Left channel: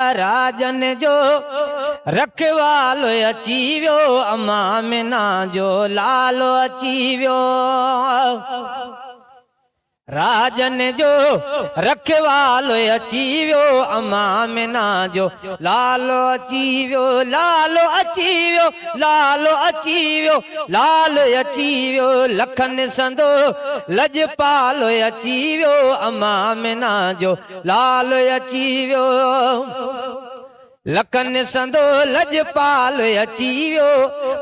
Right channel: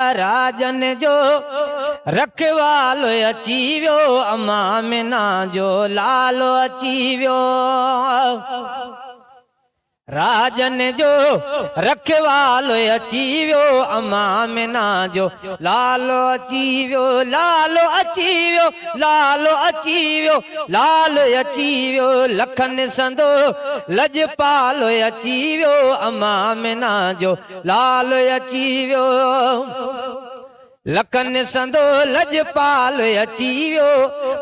राजन जो रखवाल अची वियो, अम्मा मीना जो लालो अची वियो। राजन जो रखवाल अची वियो, अम्मा मीना जो लालो अची वियो। लालो अची वियो, लालो अची वियो, लाल अची वियो। लखन संदो लजपाल अची वियो, अम्मा मीना जो लाल अची वियो। लखन संदो लजपाल अची वियो,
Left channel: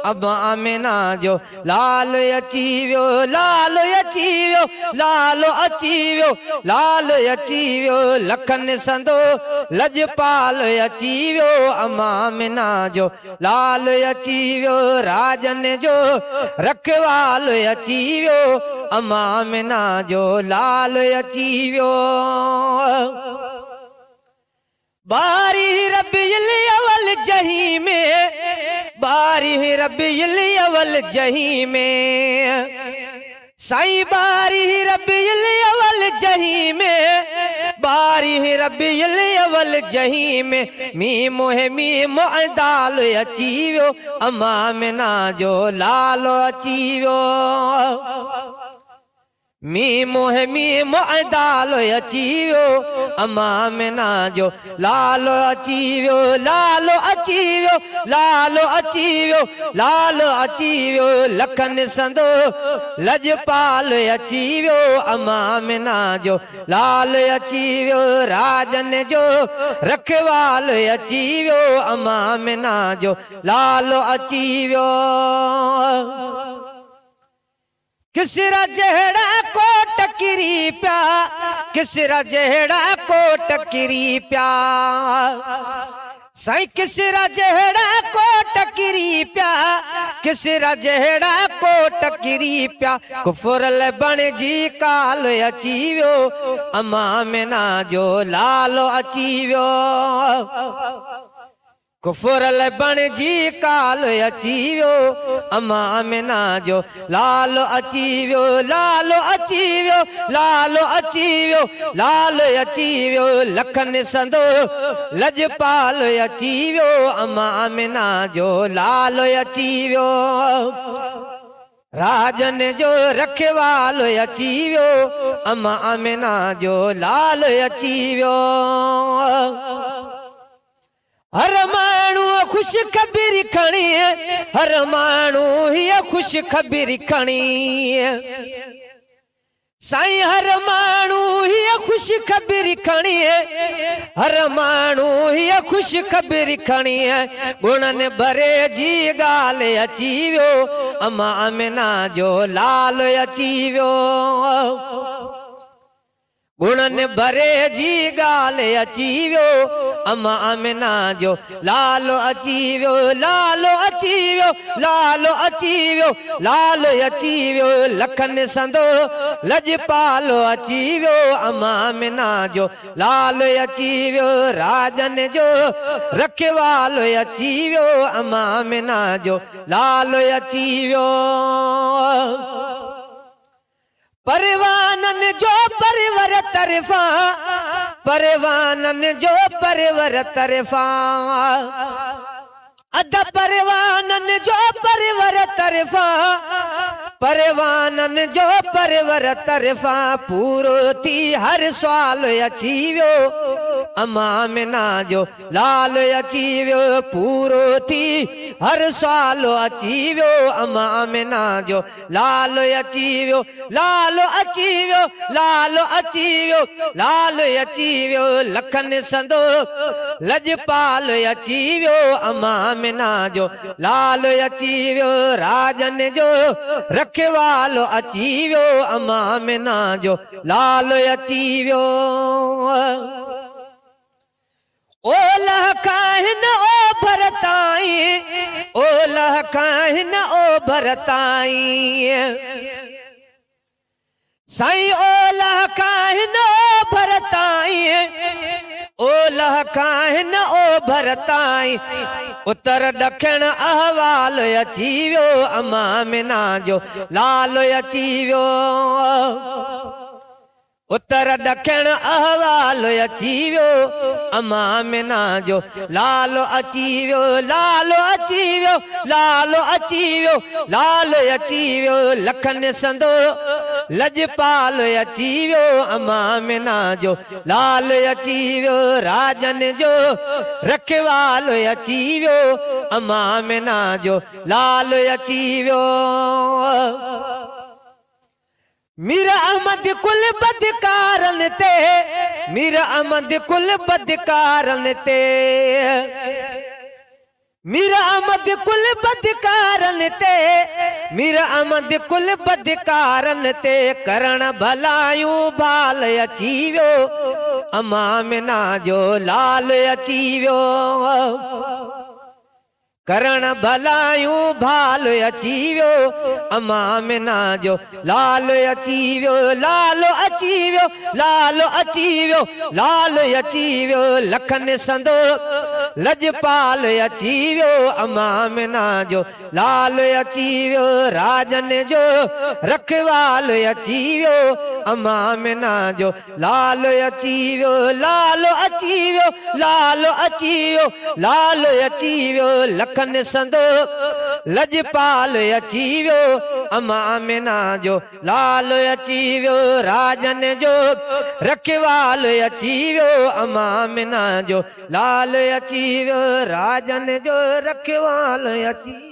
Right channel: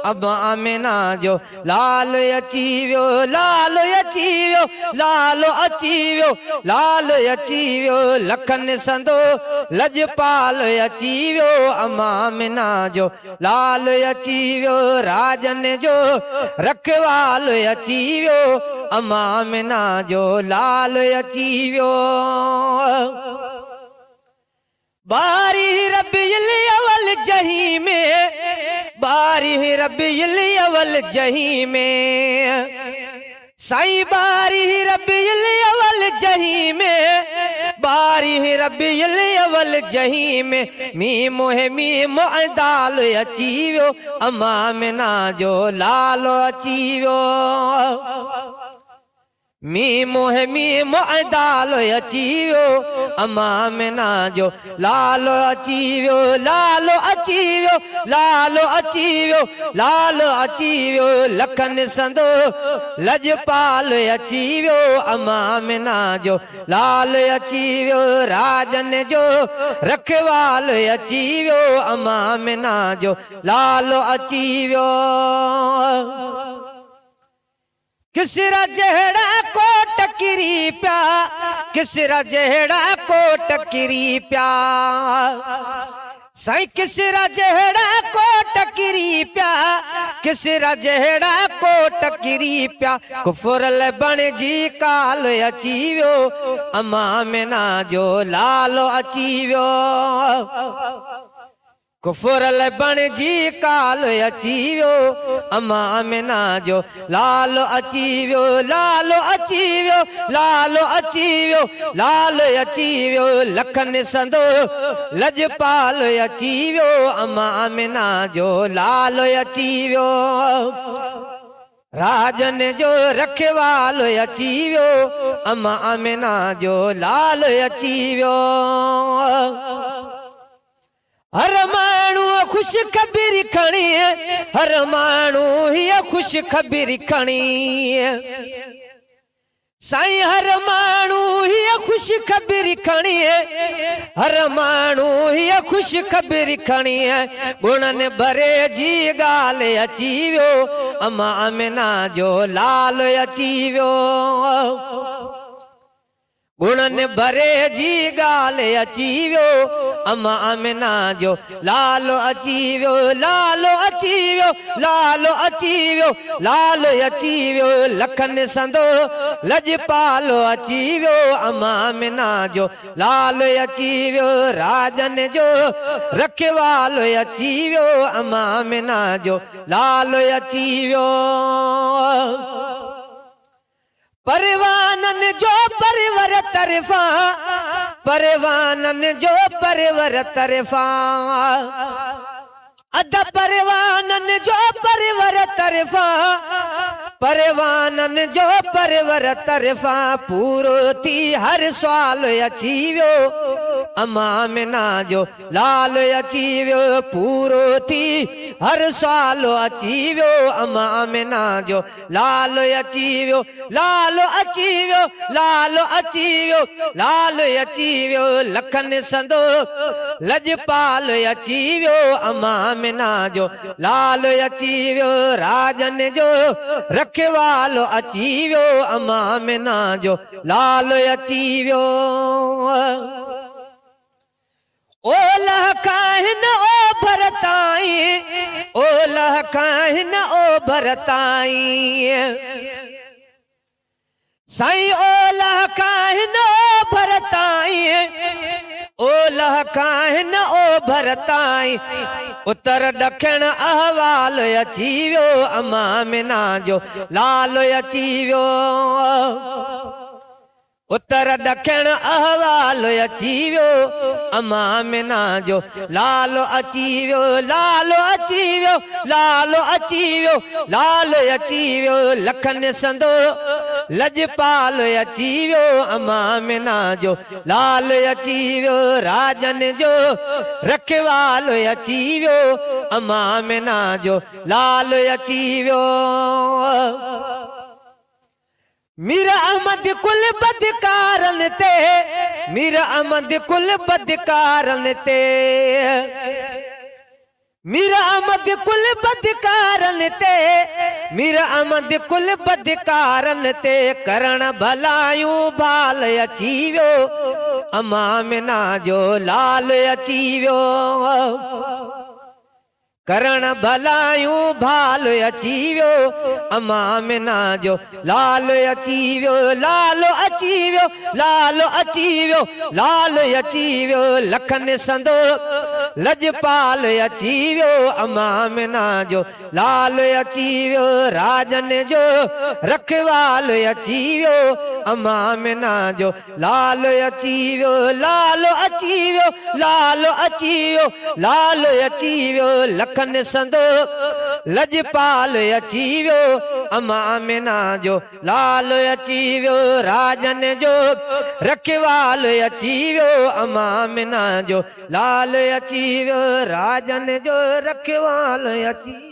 अम्मा मीना जो लाल अची वियो। लाल अची वियो, लाल अची वियो, लाल अची वियो। लखन संदो लजपाल अची वियो, अम्मा मीना जो लाल अची वियो। राजन जो रखवाल अची वियो, अम्मा मीना जो लाल अची वियो। बारी रबीउल अव्वल जही में, बारी रबीउल अव्वल जही में, साईं बारी रबीउल अव्वल जही में, बारी रबीउल अव्वल जही में। मी मोहे मी दाल अची वियो, अम्मा मीना जो लाल अची वियो। मी मोहे मी दाल अची वियो, अम्मा मीना जो लाल अची वियो। लाल अची वियो, लाल अची वियो, लाल अची वियो। लखन संदो लजपाल अची वियो, अम्मा मीना जो लाल अची वियो। राजन जो रखवाल अची वियो, अम्मा मीना जो लाल अची वियो। किसरा जहड़ा कोट किरी प्या, किसरा जहड़ा कोट किरी प्या, साईं किसरा जहड़ा कोट किरी प्या, किसरा जहड़ा कोट किरी प्या। कुफुरल बण जी काल अची वियो, अम्मा मीना जो लाल अची वियो। कुफुरल बण जी काल अची वियो, अम्मा मीना जो लाल अची वियो। लाल अची वियो, लाल अची वियो, लाल अची वियो। लखन संदो लजपाल अची वियो, अम्मा मीना जो लाल अची वियो। राजन जो रखवाल अची वियो, अम्मा मीना जो लाल अची वियो। हर माण्हू खुश ख़बर खणी, हर माण्हू हीअ खुश ख़बर खणी, साईं हर माण्हू हीअ खुश ख़बर खणी, हर माण्हू हीअ खुश ख़बर खणी। गुणन भरे जी ॻाल्हि अची वियो, अम्मा मीना जो लाल अची वियो। गुणन भरे जी ॻाल्हि अची वियो, अम्मा मीना जो लाल अची वियो। लाल अची वियो, लाल अची वियो, लाल अची वियो। लखन संदो लजपाल अची वियो, अम्मा मीना जो लाल अची वियो। राजन जो रखवाल अची वियो, अम्मा मीना जो लाल अची वियो। परवानन जो परवर तरफा, परवानन जो परवर तरफा, अद परवानन जो परवर तरफा, परवानन जो परवर तरफा। पूरो थी हर सवाल अची वियो, अम्मा मीना जो लाल अची वियो। पूरो थी हर सवाल अची वियो, अम्मा मीना जो लाल अची वियो। लाल अची वियो, लाल अची वियो, लाल अची वियो। लखन संदो लजपाल अची वियो, अम्मा मीना जो लाल अची वियो। राजन जो रखवाल अची वियो, अम्मा मीना जो लाल अची वियो। ओलह काहिन ओ भरताई, ओलह काहिन ओ भरताई, साईं ओलह काहिन ओ भरताई, ओलह काहिन ओ भरताई। उत्तर ॾखिण अहवाल अची वियो, अम्मा मीना जो लाल अची वियो। उत्तर दक्षिण अहवाल अची वियो अमा मिना जो लालो अची वियो लालो अची वियो लालो अची वियो लालो अची वियो लखन संदो लजपाल अची वियो अमा मिना जो लाल अची वियो राजन जो रखवाल अची वियो अमा मिना जो लाल अची वियो मीर अहमद कुल बदकारन ते मीर अहमद कुल बदकारन ते मीर अहमद कुल बदकारन ते मीर अहमद कुल बदकारन ते करण भलायूं भाल अची वियो अमा मिना जो लाल अची वियो करण भलायूं भाल अची वियो अमा मिना जो लाल अची वियो लाल अची वियो लाल अची वियो लाल अची वियो लखन संदो लजपाल अची वियो अमा मिना जो लाल अची वियो राजन जो रखवाल अची वियो अमा मिना जो लाल अची वियो लाल अची वियो लाल अची वियो लाल अची वियो लखन संदो लजपाल अची वियो अमा मिना जो लाल अची वियो राजन जो रखवाल अची वियो अमा मिना जो लाल अची वियो राजन जो रखवाल अची